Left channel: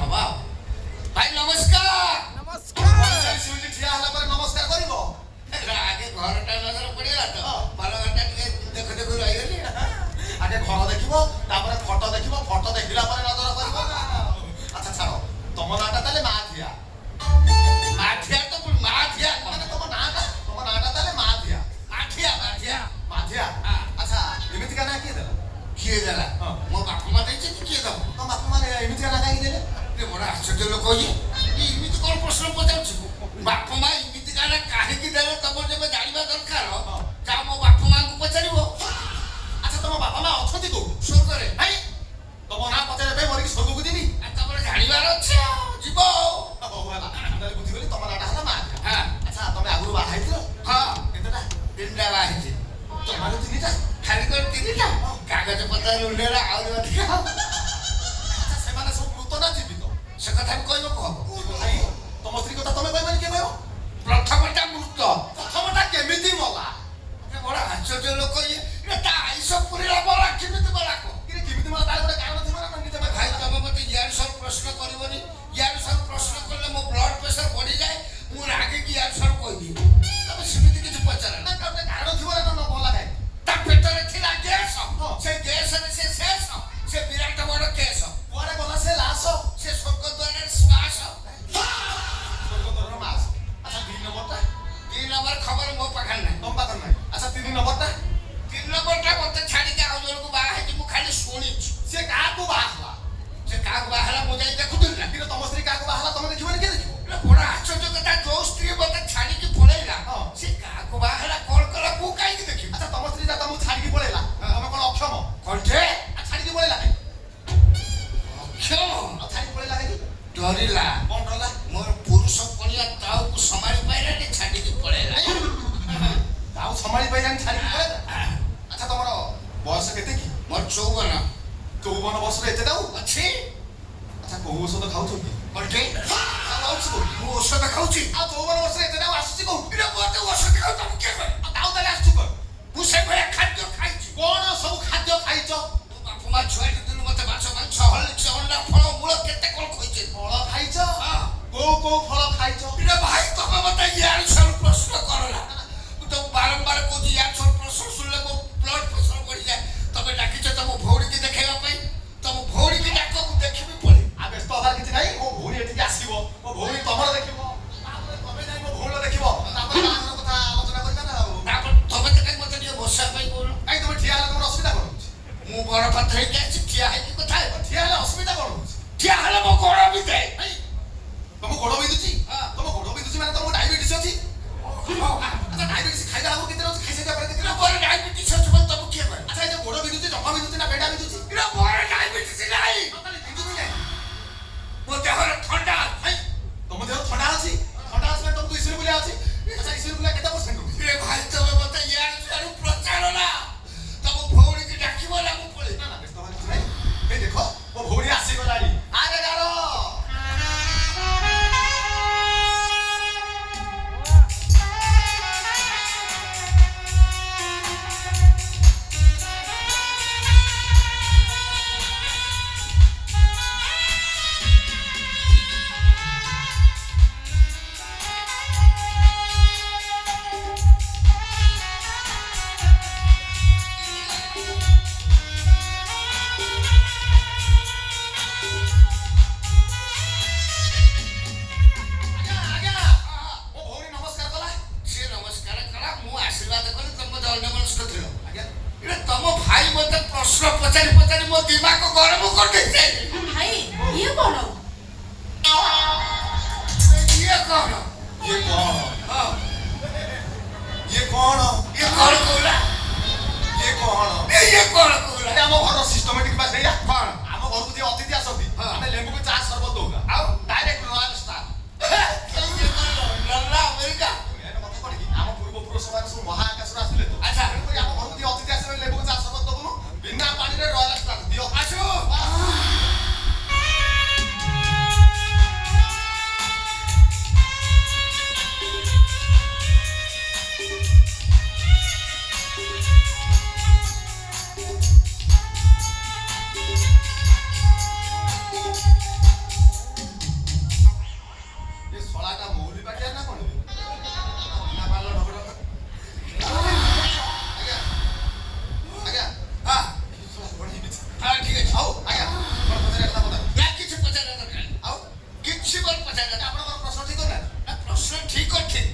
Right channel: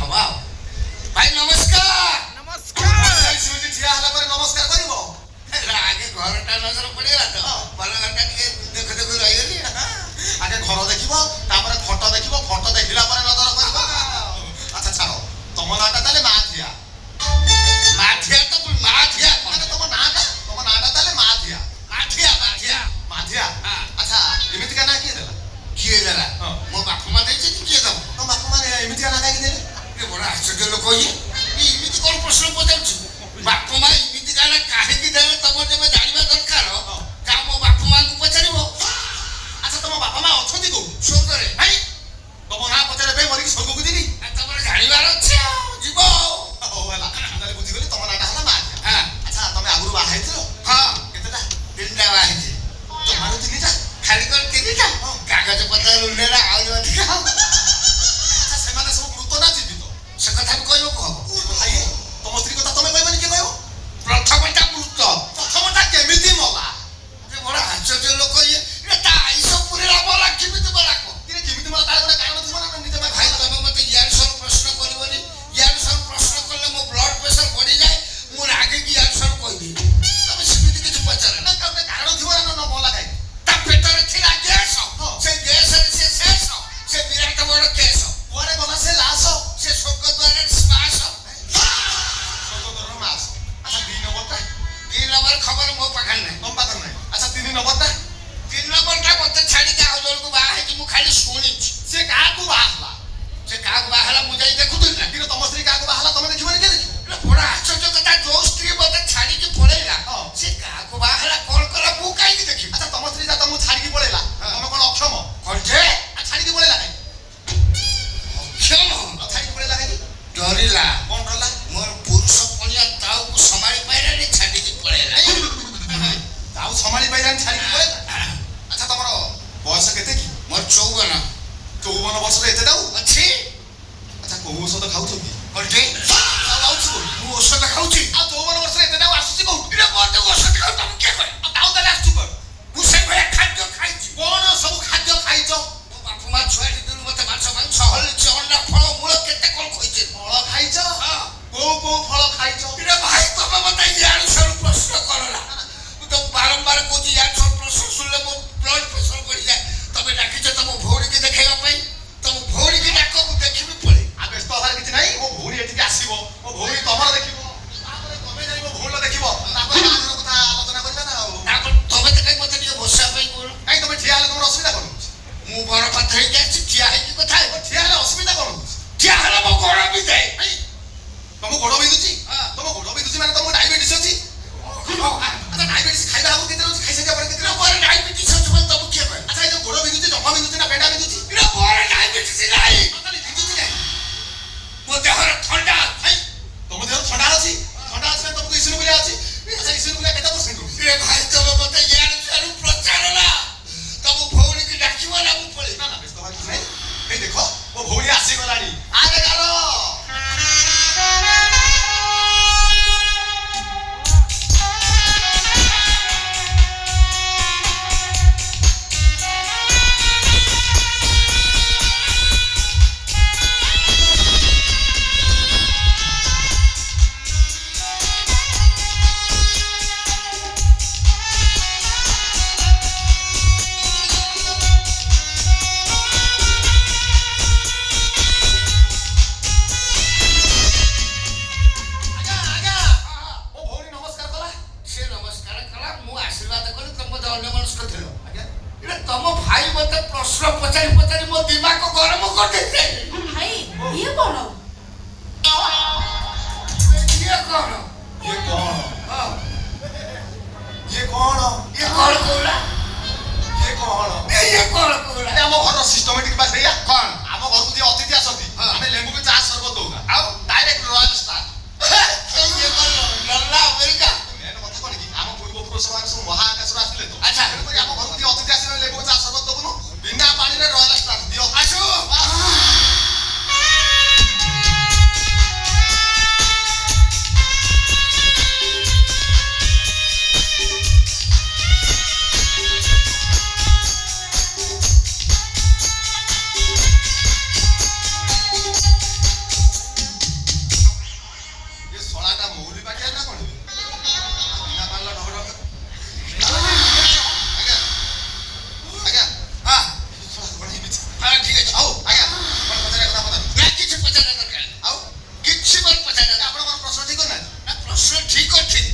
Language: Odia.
ହବା ଭାଇ ନମସ୍କାର। ନମସ୍କାର। ସୁଇଟି ଠିଆ ହେଲା ପରେ ନମସ୍କାର କରିବ। ଆଗେ ଘରଟା ନଜର ପଡିଗଲା ତ ଭଲ ଘରଟା ଟିକେ ଦେଖୁ ଦେଖୁ ରହିଗଲି। ଆଗେ ଘର ଦେଖିବ ତାପରେ ଫଟୋ ଦେଖିବ, ଫଟୋ ଦେଖିଲା ପରେ ନଜର କରିବ। ଆଚ୍ଛା ଛାଡ଼, ତମ ନାଁଟା ତାହେଲେ ମାଝିଆ। ମାଝିଆ ତ ମାଝିଆ ମାନେ ତମ ନାଁଟା ତାହେଲେ ମାଝିଆ। ମାଝିଆ ମାଝିଆ ମାଝିଆ। ଆଚ୍ଛା ଏମିତିକା ନାଁ କିଏ ଦେଲା? କିଏ ଦେଲା? ମୋ ବାପା ମା ଦେଇଛନ୍ତି। କିଏ ଦବ? ତମ ବାପା ମାନେ ଏମିତିକା ନାଁ କାହିଁକି ଦେଲେ? ବଡ ଆଶ୍ଚର୍ଯ୍ୟ ଲୋକ ଇଏ। ଏମିତି କଣ ପ୍ରଶ୍ନ ପଚାରୁଛୁ? ବାପା ମା ଏମିତି କାହିଁକି କାହିଁକି ଦେଲେ ତମର ଯେବେ ଜାଣିବା ଦରକାର ଯାହା ମୋ ବାପା ମାଙ୍କୁ ପଚାରିବ। ଆଚ୍ଛା ତମ ବାପା ମା ଅଛନ୍ତି କୋଉଠି? ସ୍ୱର୍ଗରେ। ଭାଇ ତମ ନାଁ ପଚାରିବା ପାଇଁ ମରିକି ସ୍ୱର୍ଗକୁ ଯିବି? ତାପରେ ଜାଣିବାର ଅଛି ଆଉ ଯିବ ଆଉ। ହଉ ହେଲା, ତାହେଲେ ବୁଝିଗଲି ତମ ନାଁଟା ହେଲା ମାଝିଆ। ହଁ ଆଚ୍ଛା ତମେ ଆଗରୁ ବାହା ହେଇଥିଲ? ହଁ କେତେଟା? 3ଟା ବାହା ହେଇଛି। ଜମାରୁ 3ଟା? ଖାଲି କରି 3ଟା କାଗଜ ପତ୍ର ଉଣ୍ଡେଇଲା ଆହୁରି ଅଧିକା। ଆଚ୍ଛା ସେମାନେ ସବୁ ମୃତ ନା ଜୀବିତ? ସେ କଥା ବି କହିବ କହ। ଭାଇ ତମ ସ୍ତ୍ରୀ କଥା ତମେ କହିବନି, କିଏ କହିବ? ପ୍ରଥମଟା ମୃତ। ପ୍ରଥମଟା କେମିତି ମଲା? ବଡ ଆଶ୍ଚର୍ଯ୍ୟ ଲୋକ ଇଏ। ତା ଆଇଁଷ ପୁରୀର ବରା କେମିତି ବରା କହ? କେମିତି ମଲା ତାର ଗୋଟେ କାରଣ ଥିବ ନା? ନିଜେ ଭାଇ ତମେ ମତେ ଇଆଡୁ ସବୁ ପ୍ରଶ୍ନ କରିବନି। ଇଆଡୁ ସବୁ ପ୍ରଶ୍ନ କଲେ ମୋ ବ୍ଲଡ ପ୍ରେସର ବଢିଯାଏ। ମୁଁ ରାଗିକି ଇଆଡୁ ସବୁ କହିଦିଏ। ତମେ ସେମିତି କିଛି ପଚାର ନା। ଗୋଟେ କାରଣ ଥିବ ନା ମଲା କାହିଁ? ତା ପେଟରେ ଥିଲା ଗ୍ୟାସ। ସେ ଗ୍ୟାସରେ ସେ ଶେଷ। ସେ ବିରାଟ ବଡ କେଶ। କୁଆଡେ ଗଲା ସେ ଲାଶ? ସେ ସ୍ୱର୍ଗ ଦ୍ୱାରରେ ଶ୍ୱାସ। ସ୍ୱର୍ଗଦ୍ୱାରର ଲାଶ। ଆଚ୍ଛା 2 ନମ୍ବରଟା? 2 ନମ୍ବର ଖବର ମୋ ପାଖରେ ନାହିଁ। ତମ ପାଖରେ ନାହିଁ? ଆଚ୍ଛା 3 ନମ୍ବରଟା? 3 ନମ୍ବରଟା ମତେ ଛାଡିକି ଆଉ ଜଣକୁ ବାହା ହେଇକି ମୁଁ ଖାଲି ଶୁଣିଛି। ସେ କାହାକୁ ବାହା ହେଲା? ସେ କାହାକୁ ବାହା ହେଲା ମୁଁ ଯାଇ ଦେଖୁଥିଲି ନା। କିନ୍ତୁ ତମ ସ୍ତ୍ରୀ କାହାକୁ ବାହା ହେଲା ତମେ ଦେଖିବନି, କିଏ ଦେଖିବ? ବଡ ଆଶ୍ଚର୍ଯ୍ୟ କଥା, ଯୋଉ ସ୍ତ୍ରୀ ମତେ ଛାଡିକି ପଳେଇଲା ହଁ। ସେ କାହାକୁ ବାହା ହେଲା କଣ କଲା ମୁଁ କାହିଁକି ଦେଖିବି? ଆଚ୍ଛା ତମ ସ୍ତ୍ରୀ ତମକୁ ଛାଡିକି ପଳେଇଲା, ତମେ କଣ ଅକ୍ଷମ? କଣ ଯେ ଛାଡିକି ପଳେଇଲା କାହିଁ? ଅକ୍ଷମ? ଛାଡିକି ପଳେଇଲା କାହିଁ? ଡରିଲା। କଣ କଲା? ମୋର ପୁରୁଷ ପଣିଆ ତାଉକୁ ସମ୍ଭାଳି ପାଇଲାନି, ଛାଡିକି ପଳେଇଲା। ଆଉ ସମ୍ଭାଳି ପାଇଲାନି, ଛାଡିକି ପଳେଇଲା। ଆଚ୍ଛା ତମର ବୟସ କେତେ କି? ମୋର 54। 54 ବର୍ଷରେ ଏତେ ଦାଉ ଅଛି। ଆଚ୍ଛା କୋଉ ଔଷଧ ଖାଉଛ କି? କଣ ଯେ ଆଉଛୁ କୋଉଠି? ମୁଁ ଔଷଧ ଖାଉଛି। ଆଉ 54 ବର୍ଷରେ ଏତେ ଦାଉ ଆସୁଛି କୋଉଠୁ? ମତେ ଔଷଧ ଖାଉ ତମକୁ କିଏ କହେ? ଆଉ ଦାଉ ତାହେଲେ ଆସୁଛୁ କୋଉଠୁ? ମୁଁ ସେଇଭଳିଆ ଖାଦ୍ୟ ଖାଇଛି। କଣ ସବୁ ଖାଦ୍ୟ ଖାଇଛ? ମୋ ବାପା ମା ଛୁଆ ଦିନରୁ ମତେ ମାଛ ମାଂସ ହଳଦୀ ଅଣ୍ଡା ଫଳ ମୂଳ କେତେ କଣ ଖୋଇছে। ଫଳ ଖାଇଛ? ହଁ। କୋଉ ଫଳ ଖାଇଛ? ଭାଇ ତମେ ମତେ ଇଆଡୁ ସବୁ ପ୍ରଶ୍ନ କରଲା। ମୁଁ ତ ବାରମ୍ବାର କହୁଛି ଇଆଡୁ ସବୁ ପ୍ରଶ୍ନ ଶୁଣିଲେ ମୋ ବ୍ଲଡ ପ୍ରେସର ବଢିଯାଏ। ତମେ ଡାକିଛ ତମ ଭଉଣୀକି ଦେଖେଇବା ପାଇଁ। ତମ ଭଉଣୀକି ଡାକ, ମୁଁ ଦେଖିବି ପଳେଇ। ଆଉ ବ୍ୟସ୍ତ ହବାର କିଛି ନାହିଁ, ମୋ ଭଉଣୀ ଏଠିକି ଆସିବ, ମୋ ଭଉଣୀ ତମର ଦେଖିବ, ତାପରେ ତମେ ଯାଇ ମୋ ଭଉଣୀର ଦେଖିବ, ତାପରେ ବାହାଘର କଥା ଆଲୋଚନା କରିବା ନା। ଆଉ ତାପରେ ତମେ ତ କାଇଁ ମତେ ଟିକେ ବସିବା ପାଇଁ କହୁନ? କାଇଁ ତମେ ଠିଆ ହେଲେ ତମର ଅସୁବିଧା କଣ ହଉଛି? ମୁଁ ବଡ ପାତ୍ର ହେଇକି ଆସିଛି, ଠିଆ ହେଇକି କଥା ହେବ। ଠିଆ ହେଲେ ଅସୁବିଧା କଣ ହଉଛି? ଠିଆ ହେଲେ ମୋ ଗୋଡ ବି ଯାଏ। ତମ ଗୋଡ ବିନ୍ଧୁଛି? ତମ ଗୋଡ ବିନ୍ଧୁଛି ମାନେ ତମକୁ ଡାଇବେଟିସ୍ ଅଛି? ଆଚ୍ଛା ଡାଇବେଟିସ୍ ଖାଇବା ଆଗକୁ କେତେ ରହୁଛି, ଖାଇସାରିବା ପରେ କେତେ ରହୁଛି? ଡାଇବେଟିସ୍ ଅଛି ବୋଲି ତମକୁ କିଏ କହେ? ଆଚ୍ଛା ଏ ଯୋଉ ଗୋଡ ବିନ୍ଧୁଛି, ଜମା ବିନ୍ଧୁଛି ନା ପେଟା ବିନ୍ଧୁଛି? ଡାଇବେଟିସ୍ ନାହିଁ। ବିନ୍ଧୁଛି କାଇଁ? ମୋ ଦେହରେ ଥଣ୍ଡା। ତମ ଦେହରେ ଥଣ୍ଡା ଅଛି? ଥଣ୍ଡା ଅଛି ମାନେ ତମକୁ ଇସନଫୁଲିଆ ଅଛି? ଆଚ୍ଛା ଇସନଫୁଲିଆ କେତେ ପରସେଣ୍ଟ ରହୁଛି? ଭାଇ ତମେ ମତେ ଇଆଡୁ ସିଆଡୁ ପ୍ରଚାର ନା। ତମ ଭଉଣୀକି ଡାକିବ ନା ମୁଁ ପଳେଇ? ନା ବ୍ୟସ୍ତ ହବାର କିଛି ନାହିଁ। ଏଇ ଦେଖ ମୋ ଭଉଣୀ ଆସିଗଲାଣି। ଆରେ ଗାର ତମ ଭାଇ ମତେ ପ୍ରଶ୍ନ ପଚାରି ପଚାରି ମୋ ଦିମାଗ ଗରମ କରିଦେଇছে। ଭାଇ ଇଏ କଣ? ଇଏ କଣ? ଇଏ କଣ? ହଁ ଇଏ କଣ? ଇଏ କଣ କହୁଲା? ଇଏ କଣ? ଇଏ କଣ କହୁଲା? ଆମ ଘର ସିଷ୍ଟମେଟିକ ବା ସେଇଆ। କଣ? ଆମ ଘରକୁ ଯିଏ ଅତିଥି ଆସନ୍ତି ଆମେ ଲେମ୍ବୁକୁ ଚା ସର୍ବତ ଦଉନା, ଆଉ ଡାଇରେକ୍ଟ ରୟାଲ ଷ୍ଟାର। ଇଏ କଣ ଲଲ୍ଲା ଆମେରିକା? ମେନ୍ କଥା କଣ କି ଆମ ପୂର୍ବପୁରୁଷମାନେ ସବୁ ମହାକାଶରୁ ଆସିଲେ ତ। ଆଚ୍ଛା। ତେଣୁକରି ଆମ ଘରକୁ ଯିଏ ଅତିଥି ଆସିଲେ ଲେମ୍ବୁକୁ ଚା ସର୍ବତ ଦବୁନୁ, ବିନା ପାଣିରେ ରୟାଲ ଷ୍ଟାର ଦିଅ। ଆସୁ। ଠିକ ଅଛି